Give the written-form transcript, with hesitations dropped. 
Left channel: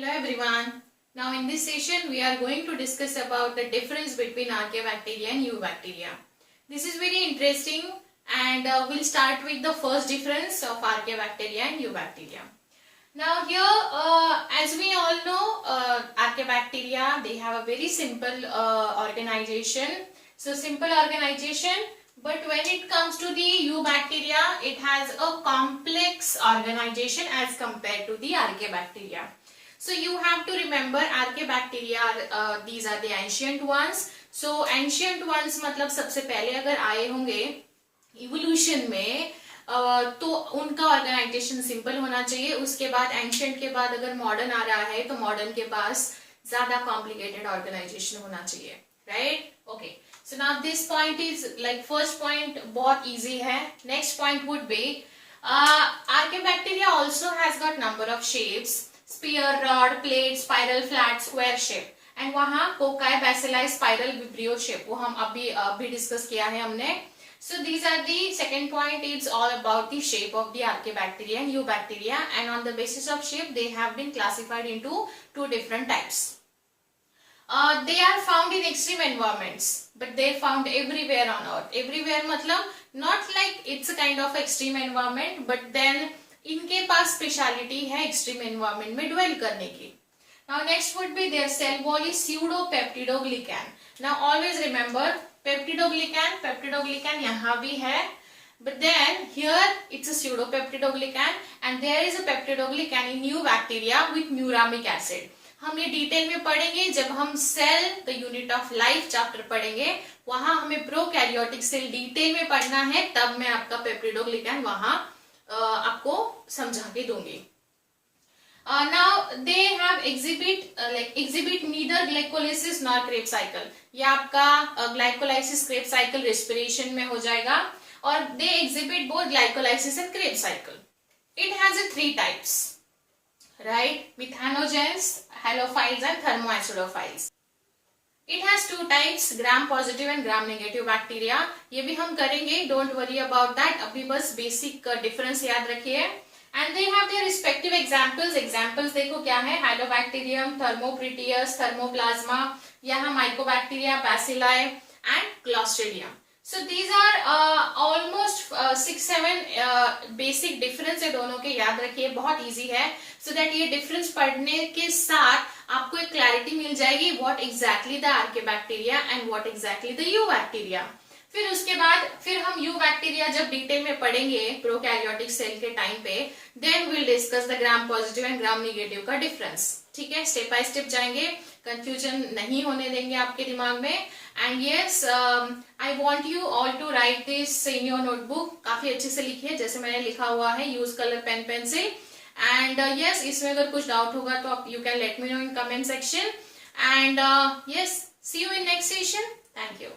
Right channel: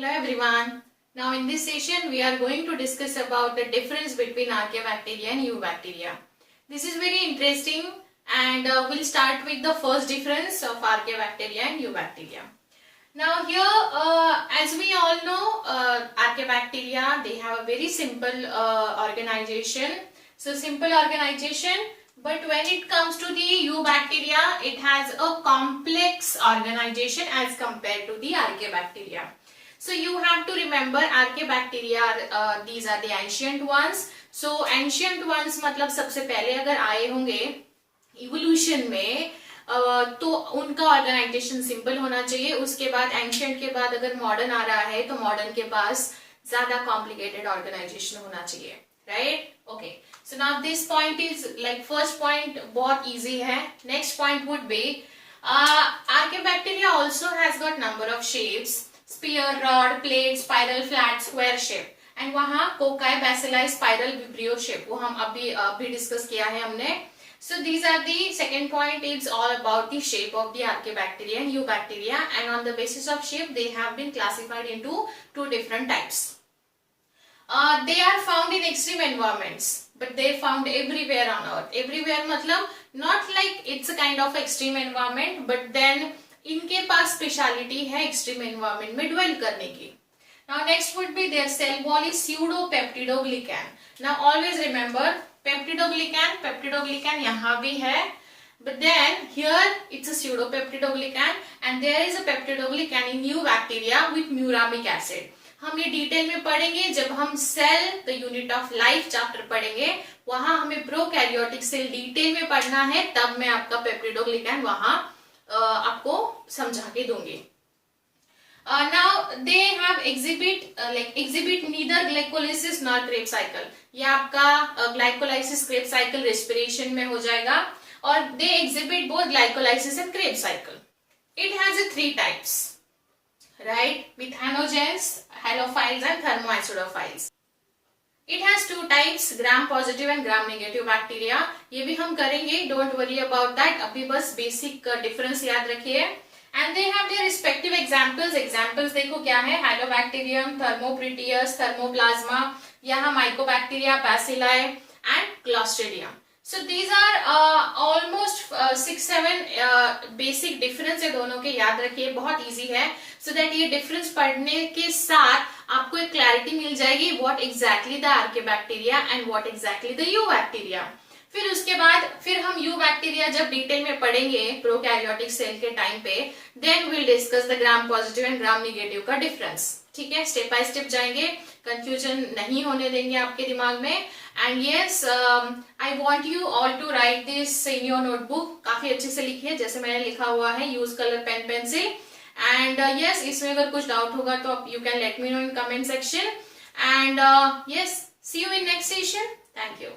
Hello everyone. Now in this session we are going to discuss about the difference between archaebacteria and eubacteria. This is very interesting and we'll start with the first difference of archaebacteria and eubacteria. Now here as we all know archaebacteria, they have a very simple organization. So simple organization, but when it comes to the eubacteria, it has a complex organization as compared to the archaebacteria. So you have to remember archaebacteria, these are the ancient ones. So ancient ones मतलब सबसे पहले अगर आए होंगे evolution में तो उनका organisation simple होना चाहिए. उसके बाद एंशियंट के बाद अगर मॉडर्न आ रहा है तो मॉडर्न के पास ज्यादा कॉम्प्लिकेटेड ऑर्गेनाइजेशन होना चाहिए. Right? Okay. So now this point is like first point बहुत इजी है. Next point would be archaebacteria also has got number of shapes. Sphere, rod, plate, spiral, flat, square shape. And वहां cocci, bacilli, spiral, vibrio shape, वो हम अभी discuss किया है हमने. So these are the second point is all about the shape of the archaebacteria and eubacteria, and on the basis of shape they have been classified into two different types. They are found in extreme environments, but they are found everywhere on earth. Everywhere मतलब not like it's a kind of extreme environment, but then इनके पास speciality है extreme environment में dwell करने की. Now next would be their cell wall is pseudopeptidoglycan. Now always remember peptidoglycan यहाँ भी है, but then here it's a pseudopeptidoglycan and there is a peptidoglycan in eubacteria with muramic acid. हम ये detail में पढ़ेंगे जब हम cell the unit of life chapter पढ़ेंगे. वहां हमें प्रोकैरियोटिक सेल डिटेल में पढ़ना है, तब मैं आपका पेप्टिडोग्लिकैन वहां आपको समझा के दूंगी. Now they have exhibit neither glycolysis nor Krebs cycle. ये आपका glycolysis Krebs cycle respiration में हो जाएगा, और they exhibit both glycolysis and Krebs cycle. It has a three types, right? Methanogens, halophiles and thermoacidophiles. It has two types, gram positive and gram negative bacteria. ये भी हम करेंगे, don't worry about that. अभी बस basic difference याद रखिए. And they have their respective examples. Examples देखो क्या है, Halobacterium, Thermoproteus, Thermoplasma, यहाँ Mycobacteria, Bacilli and Clostridium. So these are almost 6-7 basic difference है दोनों के, याद रखिए, बहुत easy है. So that ये difference पढ़ने के साथ आपको एक clarity मिल जाएगी what exactly the Archaebacteria and what exactly the Eubacteria. फिर उसके बाद फिर हम यूबैक्टीरिया जब डिटेल में पढ़ेंगे प्रोकैरियोटिक सेल के टाइम पे, then will discuss the gram positive and gram negative का डिफरेंस. ठीक है, स्टेप बाय स्टेप जाएंगे, कंफ्यूजन नहीं होने देंगे आपके दिमाग में. And yes, I want you all to write this in your notebook. काफी अच्छे से लिखिए जैसे मैंने लिखा हुआ है, use colour pen pencil. And yes, इसमें अगर कुछ डाउट होगा तो आप you can let me know in comment section. And yes, see you in next session. Thank you.